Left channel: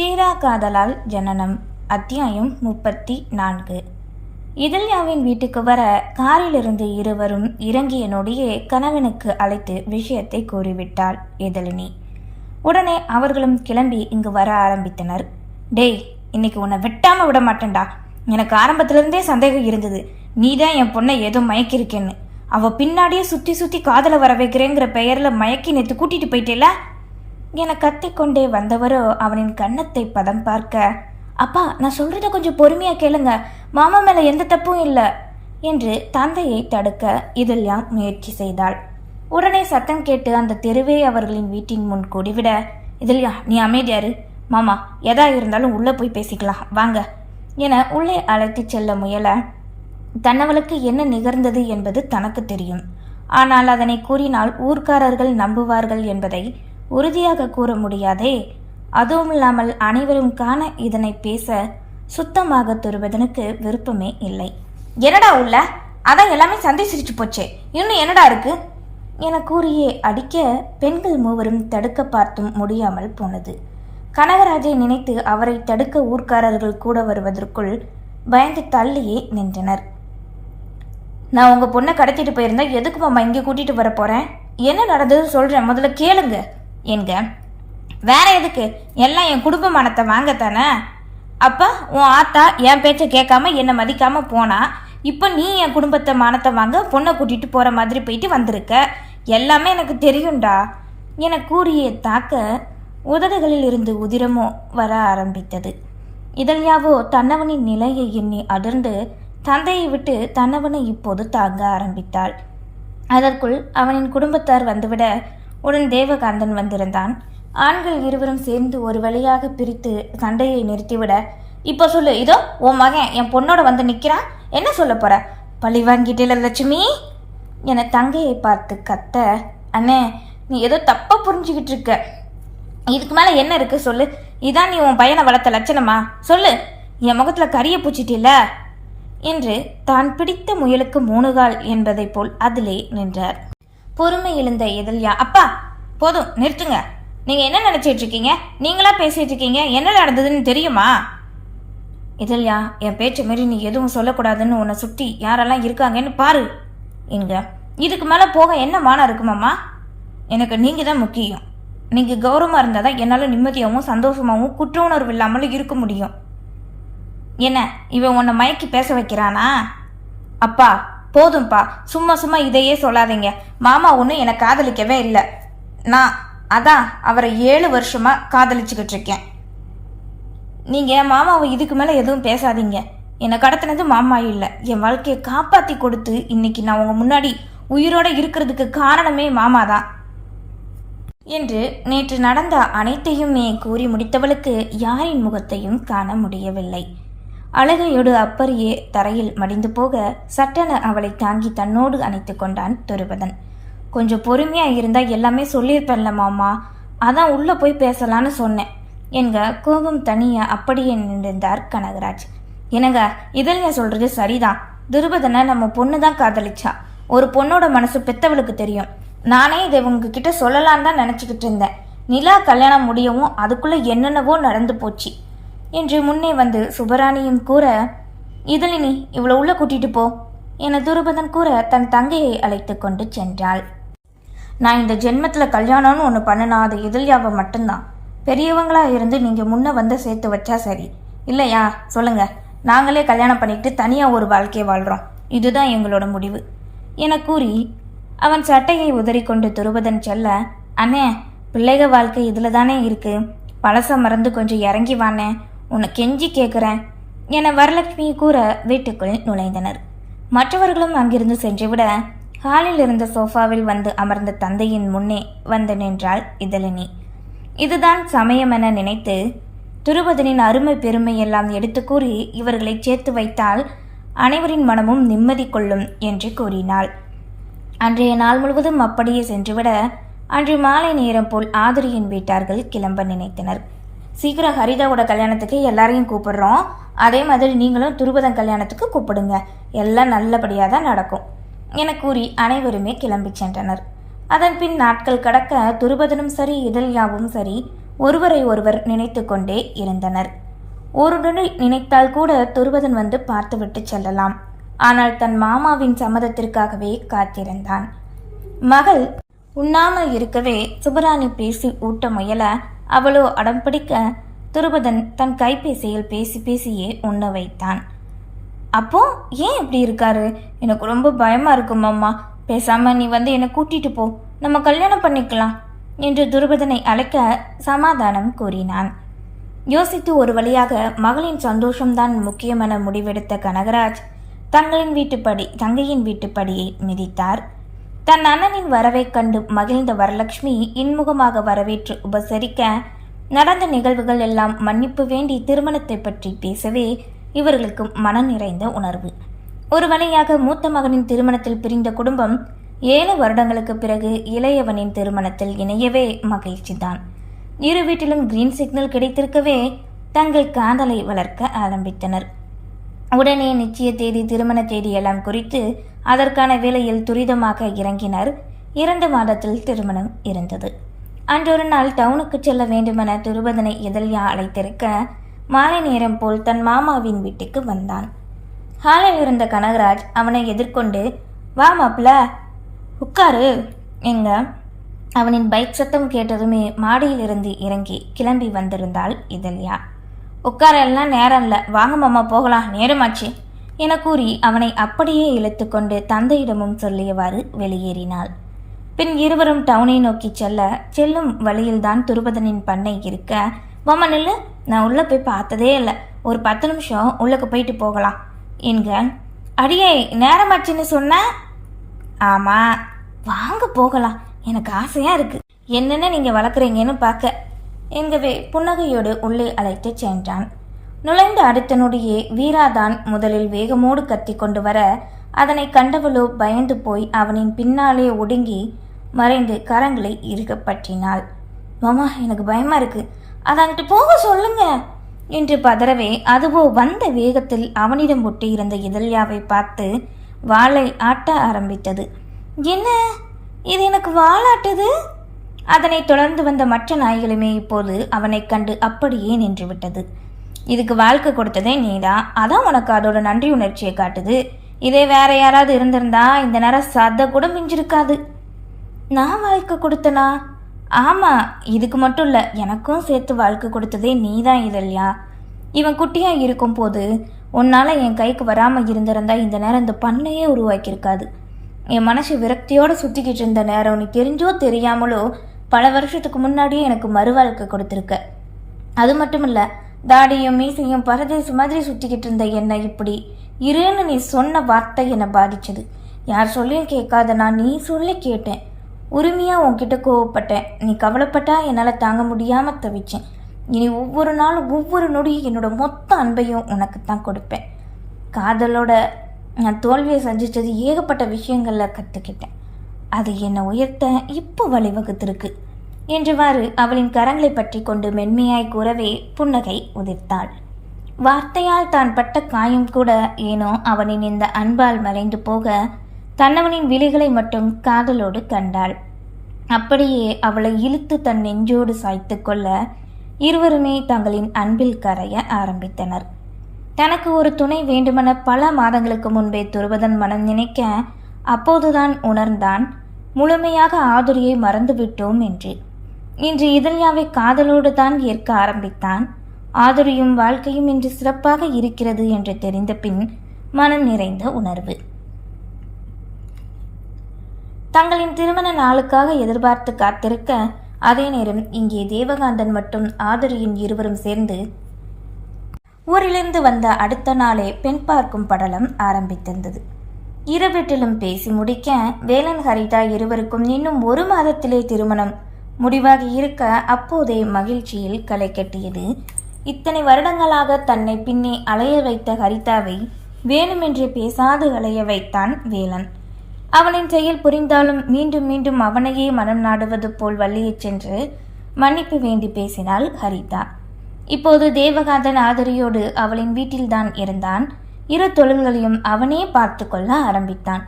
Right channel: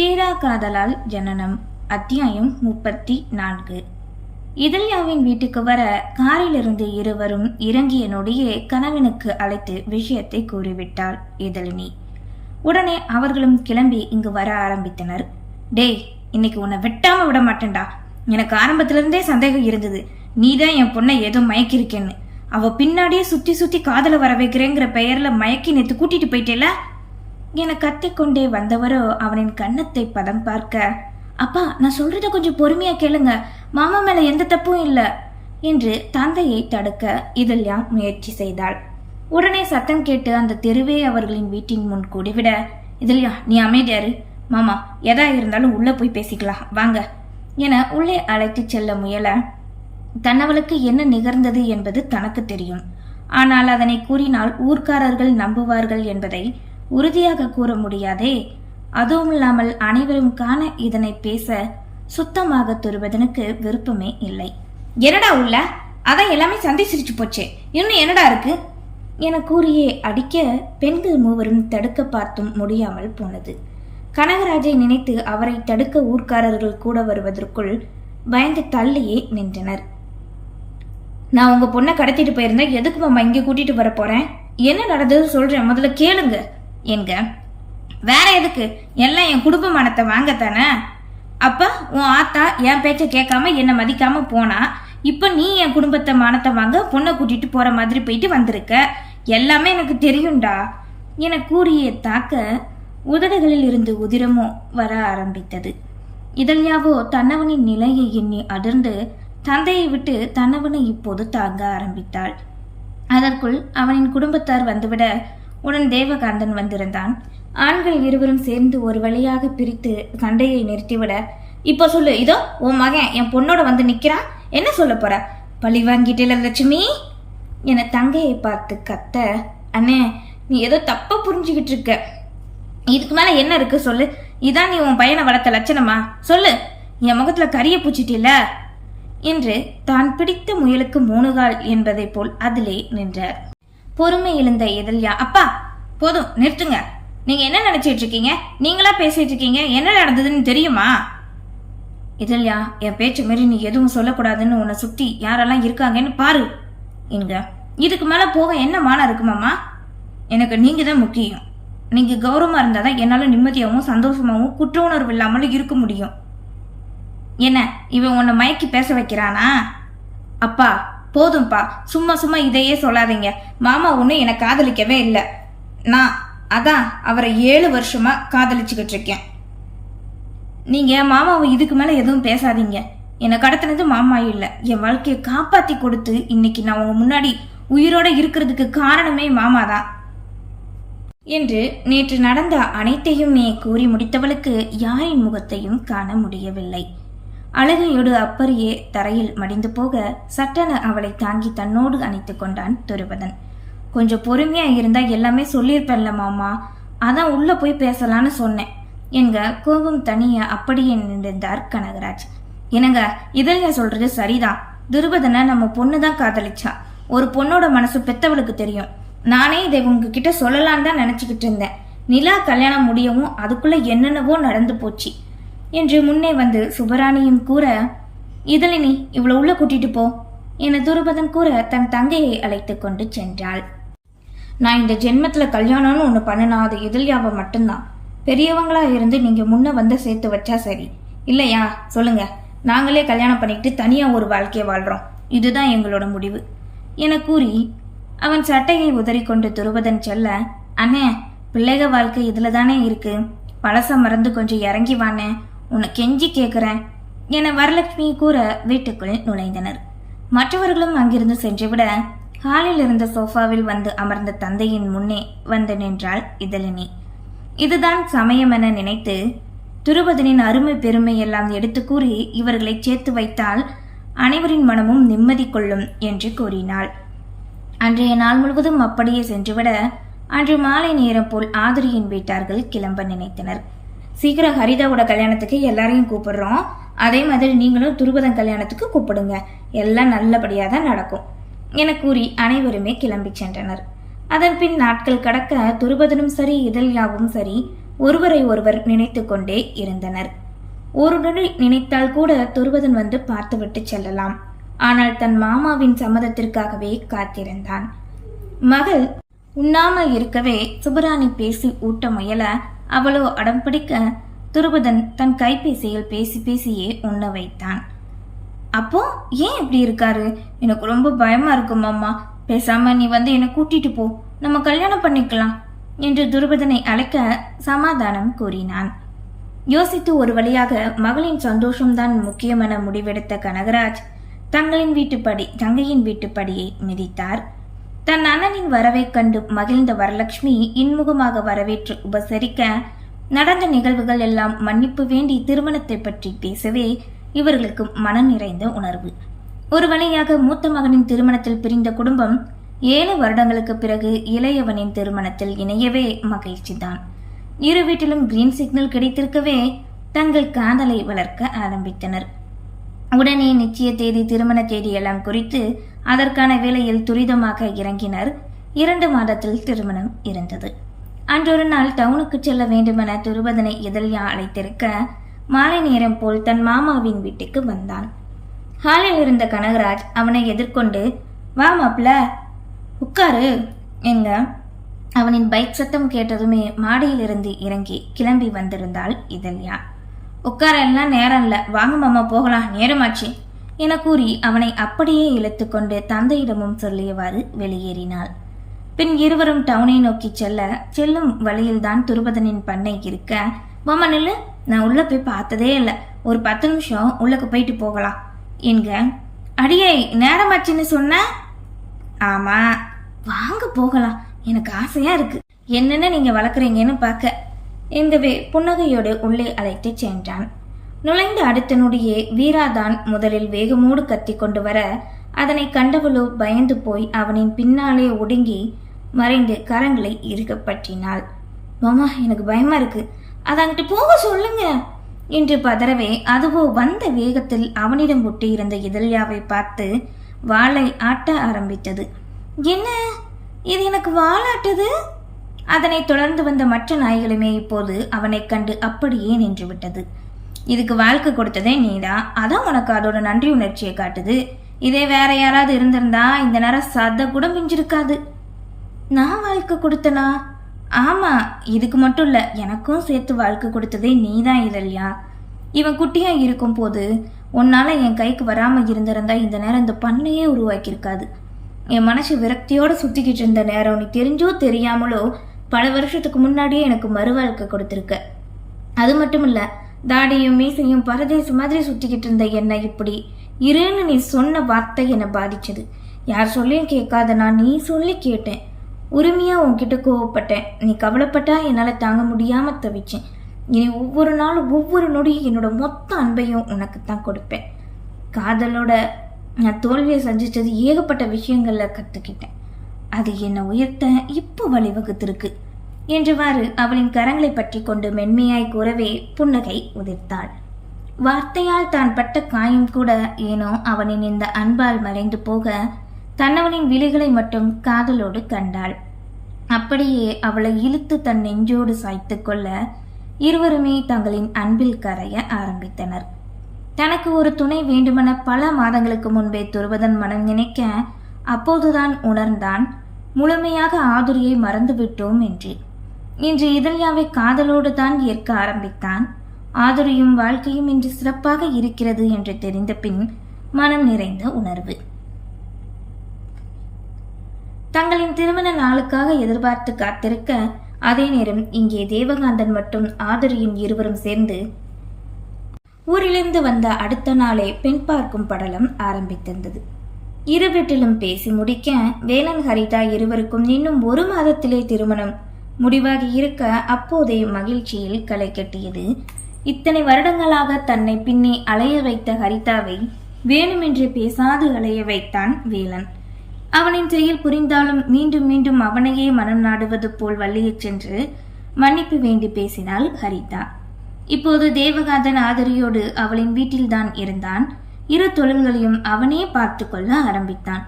தீரா காதலால் ஜனனம் அத்தியாயம் முப்பத்தி நான்கு. இதல்யாவின் வீட்டுக்கு வர காரிலிருந்து இருவரும் இறங்கிய நொடியே கணவனுக்கு அழைத்து விஷயத்தை கூறிவிட்டாள் இதழினி உடனே அவர்களும் கிளம்பி இங்கு வர ஆரம்பித்தனர். டேய் இன்னைக்கு உன்னை வெட்டாம விட மாட்டேன்டா. எனக்கு ஆரம்பத்திலிருந்தே சந்தேகம் இருந்தது. நீ தான் என் பொண்ணை ஏதோ மயக்கிருக்கேன்னு அவ பின்னாடியே சுத்தி சுத்தி காதல வர வைக்கிறேங்கிற பெயர்ல மயக்கி நேத்து கூட்டிட்டு போயிட்டேல? என கத்திக்கொண்டே வந்தவரோ அவனின் கன்னத்தை பதம் பார்க்க அப்பா நான் சொல்றத கொஞ்சம் பொறுமையா கேளுங்க. மாமா மேல எந்த தப்பும் இல்லை என்று தந்தையை தடுக்க இதெல்லாம் முயற்சி செய்தாள். உடனே சத்தம் கேட்டு அந்த தெருவே அவர்களின் வீட்டின் முன் கூடிவிட இதழ்யா நீ அமைதியாரு மாமா எதா இருந்தாலும் உள்ள போய் பேசிக்கலாம். வாங்க என உள்ளே அழைத்துச் செல்ல முயல தன்னவளுக்கு என்ன நிகழ்ந்தது என்பது தனக்கு தெரியும். ஆனால் அதனை கூறினால் ஊர்க்காரர்கள் நம்புவார்கள் என்பதை உறுதியாக கூற முடியாதே. அதுவும் இல்லாமல் அனைவரும் காண இதனை பேச சுத்தமாக துருவதனுக்கு விருப்பமே இல்லை. என்னடா உள்ள? அதான் எல்லாமே சந்திச்சிருச்சு போச்சே. இன்னும் என்னடா இருக்கு? என கூறியே அடிக்க பெண்கள் மூவரும் தடுக்க பார்த்தும் முடியாமல் போனது. கனகராஜை நினைத்து அவரை தடுக்க ஊர்க்காரர்கள் கூட வருவதற்குள் பயந்து தள்ளியே நின்றனர். நான் உங்க பொண்ணை கடத்திட்டு போயிருந்தா எதுக்கு மாமா இங்கே கூட்டிட்டு வர போறேன்? என்ன நடந்தது சொல்றேன். முதல்ல கேளுங்க. என்க வேற எதுக்கு? எல்லாம் என் குடும்ப மானத்தை வாங்கத்தானே அப்போ உன் ஆத்தா என் பேச்சை கேட்காம என்னை மதிக்காம போனா இப்போ நீ என் குடும்பத்தை மானத்தை வாங்க பொண்ணை கூட்டிட்டு போற மாதிரி போயிட்டு வந்திருக்க. எல்லாமே எனக்கு தெரியும்டா. என கூறிய தாக்க உதடுகளில் இருந்து உதிரமோ வர ஆரம்பித்தது. இதழ்யாவோ தன்னவனின் நிலையை எண்ணி அதிர்ந்து தந்தையை விட்டு தன்னவனை இப்போது தாங்க ஆரம்பித்தாள். அதற்குள் அவனின் குடும்பத்தார் வந்துவிட உடன் தேவகாந்தன் வந்திருந்தான். ஆண்கள் இருவரும் சேர்ந்து ஒரு வழியாக பிரித்து சண்டையை நிறுத்திவிட இப்போ சொல்லு இதோ உன் மகன் என் பொண்ணோட வந்து நிற்கிறான் என்ன சொல்ல போற? பழி வாங்கிட்டேல லட்சுமி? என தங்கையை பார்த்து கத்த அண்ணே நீ ஏதோ தப்பாக புரிஞ்சுக்கிட்டு இருக்க. இதுக்கு மேல என்ன இருக்கு சொல்லு. இதான் நீ உன் பையனை வளர்த்த லட்சணமா? சொல்லு என் முகத்துல கரிய பூச்சிட்டில என்று தான் பிடித்த முயலுக்கு மூணு கால் போல் அதிலே நின்றார். பொறுமை எழுந்த எதல்யா அப்பா போதும் நிறுத்துங்க. நீங்க என்ன நினைச்சிட்டு இருக்கீங்க? நீங்களா பேசிட்டு இருக்கீங்க? என்ன நடந்ததுன்னு தெரியுமா? இதழ்யா என் பேச்ச மாரி நீ எதுவும் சொல்லக்கூடாதுன்னு உன்னை சுற்றி யாரெல்லாம் இருக்காங்கன்னு பாரு. எங்க இதுக்கு மேலே போக என்ன மானம் இருக்குமாம்மா எனக்கு நீங்கள் தான் முக்கியம். நீங்கள் கௌரவமாக இருந்தால் தான் என்னால் நிம்மதியாகவும் சந்தோஷமாகவும் குற்ற உணர்வு இல்லாமலும் இருக்க முடியும். என்ன இவன் உன்னை மயக்கி பேச வைக்கிறானா? அப்பா போதும்பா சும்மா சும்மா இதையே சொல்லாதீங்க. மாமா ஒன்றும் என்னை காதலிக்கவே இல்லை. நான் அதான் அவரை ஏழு வருஷமா காதலிச்சுக்கிட்டு இருக்கேன். நீங்க மாமாவை இதுக்கு மேலே எதுவும் பேசாதீங்க. என்னை கடத்தினது மாமா இல்லை. என் வாழ்க்கையை காப்பாத்தி கொடுத்து இன்னைக்கு நான் உங்க முன்னாடி உயிரோட இருக்கிறதுக்கு காரணமே மாமா தான் என்று நேற்று நடந்த அனைத்தையுமே கூறி முடித்தவளுக்கு யாரின் முகத்தையும் காண முடியவில்லை. அழகையோடு அப்பரியே தரையில் மடிந்து போக சட்டென அவளை தாங்கி தன்னோடு அணைத்து கொண்டான் துருபதன். கொஞ்சம் பொறுமையா இருந்தா எல்லாமே சொல்லியிருப்பேன்ல மாமா. அதான் உள்ள போய் பேசலான்னு சொன்னேன். என்க கோபம் தனிய அப்படியே நின்றிருந்தார் கனகராஜ். என்னங்க இதழ்யா சொல்றது சரிதான். துருபதனை நம்ம பொண்ணு தான் காதலிச்சா. ஒரு பொண்ணோட மனசு பெத்தவளுக்கு தெரியும். நானே இதை உங்ககிட்ட சொல்லலான்னு தான் நினச்சிக்கிட்டு இருந்தேன். நிலா கல்யாணம் முடியவும் அதுக்குள்ளே என்னென்னவோ நடந்து போச்சு. என்று முன்னே வந்து சுபராணியும் கூற இதழினி இவ்வளோ உள்ள கூட்டிட்டு போ என துருபதன் கூற தன் தங்கையை அழைத்து கொண்டு சென்றாள். நான் இந்த ஜென்மத்தில் கல்யாணம்னு ஒன்று பண்ணினா அது இதழ்யாவை மட்டும்தான். பெரியவங்களா இருந்து நீங்கள் முன்னே வந்து சேர்த்து வச்சா சரி. இல்லையா? சொல்லுங்க. நாங்களே கல்யாணம் பண்ணிட்டு தனியாக ஒரு வாழ்க்கையை வாழ்கிறோம் இதுதான் எங்களோட முடிவு என கூறி அவன் சட்டையை உதறிக்கொண்டு துருவதன் செல்ல அண்ணே பிள்ளைக வாழ்க்கை இதில் தானே இருக்கு. பழச மறந்து கொஞ்சம் இறங்கி வானே உன்னை கெஞ்சி கேட்குறேன் என வரலட்சுமி கூற வீட்டுக்குள் நுழைந்தனர். மற்றவர்களும் அங்கிருந்து சென்றுவிட ஹாலில் இருந்த சோஃபாவில் வந்து அமர்ந்த தந்தையின் முன்னே வந்து நின்றாள் இதழினி. இதுதான் சமயம் என நினைத்து துருபதனின் அருமை பெருமை எல்லாம் எடுத்து கூறி இவர்களை சேர்த்து வைத்தால் அனைவரின் மனமும் நிம்மதி கொள்ளும் என்று கூறினாள். அன்றைய நாள் முழுவதும் அப்படியே சென்றுவிட அன்று மாலை நேரம் போல் ஆதிரியின் வீட்டார்கள் கிளம்ப நினைத்தனர். சீக்கிரம் ஹரிதாவோட கல்யாணத்துக்கு எல்லாரையும் கூப்பிடுறோம். அதே மாதிரி நீங்களும் துருபதன் கல்யாணத்துக்கு கூப்பிடுங்க. எல்லாம் நல்லபடியாக தான் நடக்கும். என கூறி அனைவருமே கிளம்பி சென்றனர். அதன் பின் நாட்கள் கடக்க துருபதனும் சரி இதழ்யாவும் சரி ஒருவரை ஒருவர் நினைத்து கொண்டே இருந்தனர். ஒருடனை நினைத்தால் கூட துருவதன் வந்து பார்த்துவிட்டு செல்லலாம். ஆனால் தன் மாமாவின் சம்மதத்திற்காகவே காத்திருந்தான். மகள் உண்ணாமல் இருக்கவே சுபராணி பேசி ஊட்ட முயல அவளோ அடம் பிடிக்க துருபதன் தன் கைபேசியில் பேசி பேசியே உண்ண வைத்தான். அப்போ ஏன் இப்படி இருக்காரு? எனக்கு ரொம்ப பயமா இருக்கும் அம்மா பேசாம நீ வந்து என்னை கூட்டிட்டு போ. நம்ம கல்யாணம் பண்ணிக்கலாம். என்று துருபதனை அழைக்க சமாதானம் கூறினான். யோசித்து ஒரு வழியாக மகளின் சந்தோஷம்தான் முக்கியமென முடிவெடுத்த கனகராஜ் தங்களின் வீட்டுப்படி தங்கையின் வீட்டுப்படியை மிதித்தார். தன் அண்ணனின் வரவைக் கண்டு மகிழ்ந்த வரலட்சுமி இன்முகமாக வரவேற்று உபசரிக்க நடந்த நிகழ்வுகள் எல்லாம் மன்னிப்பு வேண்டி திருமணத்தை பற்றி பேசவே இவர்களுக்கு மனம் நிறைந்த உணர்வு. ஒரு வழியாக மூத்த மகனின் திருமணத்தில் பிரிந்த குடும்பம் ஏழு வருடங்களுக்கு பிறகு இளையவனின் திருமணத்தில் இணையவே மகிழ்ச்சிதான். இரு வீட்டிலும் கிரீன் சிக்னல் கிடைத்திருக்கவே தங்கள் காதலை வளர்க்க ஆரம்பித்தனர். உடனே நிச்சய தேதி திருமண தேதி எல்லாம் குறித்து அதற்கான வேலையில் துரிதமாக இறங்கினர். இரண்டு மாதத்தில் திருமணம் இருந்தது. அன்றொரு நாள் டவுனுக்கு செல்ல வேண்டுமென திருபதனை எதிரியா அழைத்திருக்க மாலை நேரம் போல் தன் மாமாவின் வீட்டுக்கு வந்தான். ஹாலில் இருந்த கனகராஜ் அவனை எதிர்கொண்டு வா மாப்பிள உட்காரு. எங்க அவனின் பைக் சத்தம் கேட்டதுமே மாடியிலிருந்து இறங்கி கிளம்பி வந்திருந்தாள் இதழ்யா உட்கார எல்லாம் நேரம் இல்லை வாங்க மாமா போகலாம். நேரமாச்சு. என கூறி அவனை அப்படியே இழுத்துக்கொண்டு தந்தையிடமும் சொல்லியவாறு வெளியேறினாள். பின் இருவரும் டவுனை நோக்கி செல்ல செல்லும் வழியில்தான் துருபதனின் பண்ணை இருக்க மாமா நில்லு. நான் உள்ள போய் பார்த்ததே இல்லை. ஒரு பத்து நிமிஷம் உள்ளக்கு போயிட்டு போகலாம். என்க அடியே நேரமாச்சுன்னு சொன்ன? ஆமா. வாங்க போகலாம். எனக்கு ஆசையா இருக்கு. என்னென்ன நீங்க வளர்க்குறீங்கன்னு பார்க்க எங்கவே புன்னகையோடு உள்ளே அழைத்துச் சென்றான். நுழைந்த அடுத்த நொடியே வீராதான் முதலில் வேகமோடு கத்தி கொண்டு வர அதனை கண்டவளோ பயந்து போய் அவனின் பின்னாலே ஒடுங்கி மறைந்து கரங்களை இறுகப்பற்றினாள் மாமா எனக்கு பயமா இருக்கு. அதங்கிட்டு போக சொல்லுங்க! என்று பதறவே அதுவோ வந்த வேகத்தில் அவனிடம் ஒட்டியிருந்த இதழ்யாவை பார்த்து வாளை ஆட்ட ஆரம்பித்தது. என்ன? இது எனக்கு வாளாட்டுது? அதனைத் தொடர்ந்து வந்த மற்ற நாய்களுமே இப்போது அவனைக் கண்டு அப்படியே நின்றுவிட்டது. இதுக்கு வாழ்க்கை கொடுத்ததே நீதான் அதான் உனக்கு அதோட நன்றி உணர்ச்சியை காட்டுது. இதே வேற யாராவது இருந்திருந்தா இந்த நேரம் சத கூட மிஞ்சிருக்காது. நான் வாழ்க்கை கொடுத்தனா? ஆமா இதுக்கு மட்டும் இல்ல. எனக்கும் சேர்த்து வாழ்க்கை கொடுத்ததே நீதான் இதழ்யா இவன் குட்டியா இருக்கும் போது உன்னால என் கைக்கு வராம இருந்திருந்தா இந்த நேரம் இந்த பண்ணையே உருவாக்கியிருக்காது. என் மனசு விரக்தியோட சுத்திக்கிட்டு இருந்த நேரம் நீ தெரிஞ்சோ தெரியாமலோ பல வருஷத்துக்கு முன்னாடியே எனக்கு மறுவாழ்க்கை கொடுத்துருக்க. அது மட்டும் இல்லை தாடியும் மீசையும் பரதேசி மாதிரி சுற்றிக்கிட்டு இருந்த என்னை இப்படி இருன்னு நீ சொன்ன வார்த்தை என்னை பாதிச்சது. யார் சொல்லியும் கேட்காத நான் நீ சொல்லி கேட்டேன். உரிமையாக உன்கிட்ட கோவப்பட்டேன். நீ கவலைப்பட்டா என்னால் தாங்க முடியாமல் தவிச்சேன். இனி ஒவ்வொரு நாளும் ஒவ்வொரு நொடியும் என்னோட மொத்த அன்பையும் உனக்கு தான் கொடுப்பேன். காதலோட நான் தோல்வியை சந்தித்தது ஏகப்பட்ட விஷயங்களில் கற்றுக்கிட்டேன் அது என்னை உயர்த்த இப்போ வழிவகுத்திருக்கு என்றவாறு அவளின் கரங்களை பற்றி கொண்டு மென்மையாய் கூறவே புன்னகை உதிர்த்தாள். வார்த்தையால் தான் பட்ட காயம் கூட ஏனோ அவனின் இந்த அன்பால் மறைந்து போக தன்னவனின் விழிகளை மட்டும் காதலோடு கண்டாள். அப்படியே அவளை இழுத்து தன் நெஞ்சோடு சாய்த்து கொள்ள இருவருமே தங்களின் அன்பில் கரைய ஆரம்பித்தனர். தனக்கு ஒரு துணை வேண்டுமென பல மாதங்களுக்கு முன்பே துருவதன் மனம் நினைக்க அப்போதுதான் உணர்ந்தான் முழுமையாக ஆதுரியை மறந்துவிட்டோம் என்று. இன்று இதழ்யாவை காதலோடு தான் ஏற்க ஆரம்பித்தான். ஆதுரியும் வாழ்க்கையும் இன்று சிறப்பாக இருக்கிறது என்று தெரிந்த பின் மனம் நிறைந்த உணர்வு. தங்களின் திருமண நாளுக்காக எதிர்பார்த்து காத்திருக்க அதே நேரம் இங்கே தேவகாந்தன் மற்றும் ஆதுரியின் இருவரும் சேர்ந்து ஊரிலிருந்து வந்த அடுத்த நாளே பெண் பார்க்கும் படலம் ஆரம்பித்திருந்தது. இருவீட்டிலும் பேசி முடிக்க வேலன் ஹரிதா இருவருக்கும் இன்னும் ஒரு மாதத்திலே திருமணம். முடிவாகி இருக்க அப்போதே மகிழ்ச்சியில் களை கட்டியது. இத்தனை வருடங்களாக தன்னை பின்னே அலைய வைத்த ஹரிதாவை வேணுமென்று பேசாது அலைய வைத்தான் வேலன். அவனின் செயல் புரிந்தாலும் மீண்டும் மீண்டும் அவனையே மனம் நாடுவது போல் வள்ளியைச் சென்று மன்னிப்பு வேண்டி பேசினாள் ஹரிதா. இப்போது தேவகாந்தன் ஆதரியோடு அவளின் வீட்டில்தான் இருந்தான். இரு தொழில்களையும் அவனே பார்த்து கொள்ள ஆரம்பித்தான்.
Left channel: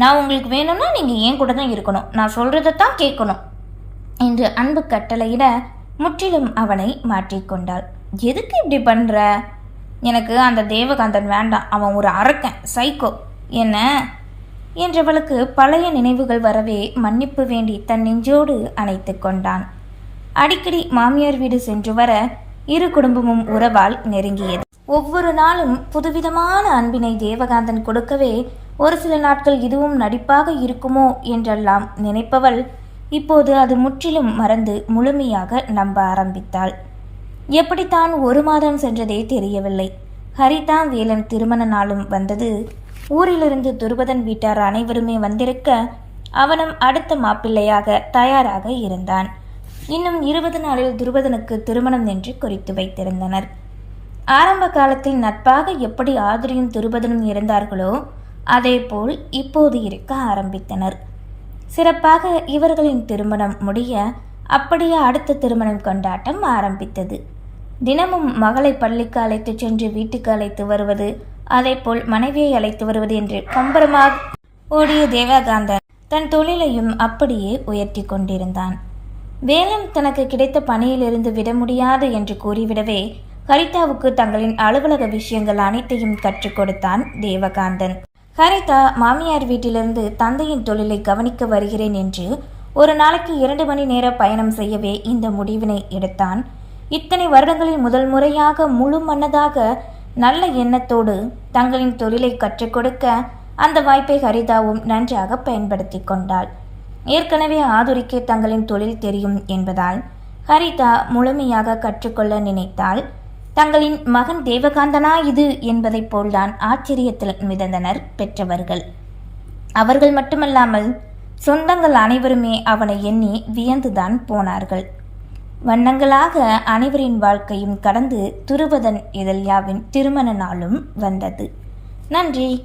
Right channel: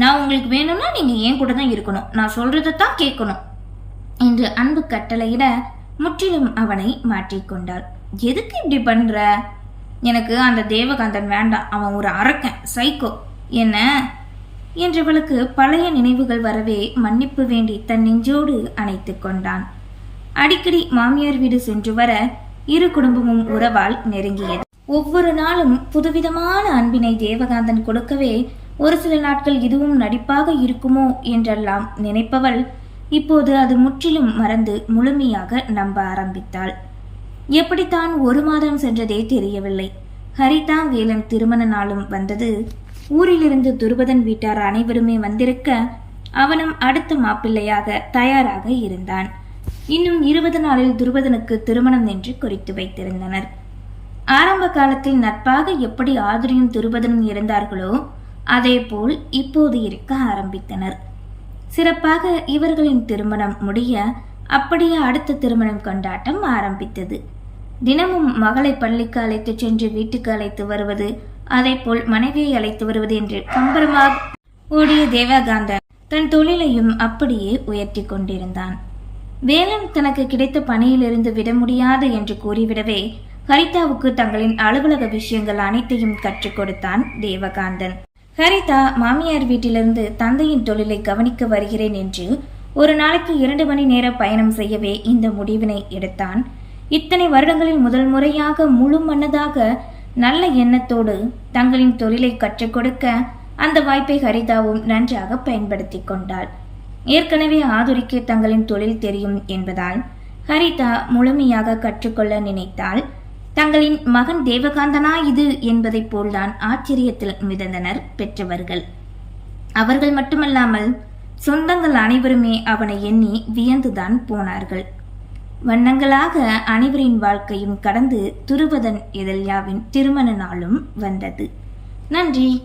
நான் உங்களுக்கு வேணும்னா நீங்கள் ஏன் கூட தான் இருக்கணும். நான் சொல்றதைத்தான் கேட்கணும் என்று அன்பு கட்டளையிட முற்றிலும் அவனை மாற்றிக்கொண்டாள் எதுக்கு இப்படி பண்ற? எனக்கு அந்த தேவகாந்தன் வேண்டாம். அவன் ஒரு அரக்கன் சைக்கோ என்ன? என்றவளுக்கு பழைய நினைவுகள் வரவே மன்னிப்பு வேண்டி தன் நெஞ்சோடு அணைத்து கொண்டான். அடிக்கடி மாமியார் வீடு சென்று வர இரு குடும்பமும் உறவால் நெருங்கியது. ஒவ்வொரு நாளும் புதுவிதமான அன்பினை தேவகாந்தன் கொடுக்கவே ஒரு சில நாட்கள் இதுவும் நடிப்பாக இருக்குமோ என்றெல்லாம் நினைப்பவள் இப்போது அது முற்றிலும் மறந்து முழுமையாக நம்ப ஆரம்பித்தாள். எப்படித்தான் ஒரு மாதம் சென்றதே தெரியவில்லை. ஹரிதா வேலன் திருமண நாளும் வந்தது. ஊரிலிருந்து துருபதன் வீட்டார் அனைவருமே வந்திருக்க அவனும் அடுத்த மாப்பிள்ளையாக தயாராக இருந்தான். இன்னும் இருபது நாளில் துருபதனுக்கு திருமணம் என்று குறித்து வைத்திருந்தனர். ஆரம்ப காலத்தில் நட்பாக எப்படி ஆதிரியும் துருபதனும் இருந்தார்களோ அதேபோல் இப்போது இருக்க ஆரம்பித்தனர். சிறப்பாக இவர்களின் திருமணம் முடிய அப்படியே அடுத்த திருமணம் கொண்டாட்டம் ஆரம்பித்தது. தினமும் மகளை பள்ளிக்கு அழைத்துச் சென்று வீட்டுக்கு அழைத்து வருவது அதேபோல் மனைவியை அழைத்து வருவது என்று கம்பரமாக ஓடிய தேவகாந்தன் தன் தொழிலையும் அப்படியே உயர்த்தி கொண்டிருந்தான். வேலன் தனக்கு கிடைத்த பணியிலிருந்து விட முடியாது என்று கூறிவிடவே ஹரிதாவுக்கு தங்களின் அலுவலக விஷயங்கள் அனைத்தையும் கற்றுக் கொடுத்தான் தேவகாந்தன். ஹரிதா மாமியார் வீட்டிலிருந்து தந்தையின் தொழிலை கவனிக்க வருகிறேன் என்று ஒரு நாளைக்கு இரண்டு மணி நேர பயணம் செய்யவே இந்த முடிவினை எடுத்தான். இத்தனை வருடங்களில் முதல் முறையாக முழு மன்னதாக நல்ல எண்ணத்தோடு தங்களின் தொழிலை கற்றுக் கொடுக்க அந்த வாய்ப்பை ஹரிதாவும் நன்றாக பயன்படுத்தி கொண்டாள். ஏற்கனவே ஆதுரிக்கு தங்களின் தொழில் தெரியும் என்பதால் ஹரிதா முழுமையாக கற்றுக்கொள்ள நினைத்தாள். தங்களின் மகன் தேவகாந்தனா இது என்பதைப் போல்தான் ஆச்சரியத்தில் மிதந்தனர் பெற்றவர்கள். அவர்கள் மட்டுமல்லாமல் சொந்தங்கள் அனைவருமே அவனை எண்ணி வியந்துதான் போனார்கள். வண்ணங்களாக அனைவரின் வாழ்க்கையும் கடந்து துருபதன் எதல்யாவின் திருமண நாளும் வந்தது. நன்றி.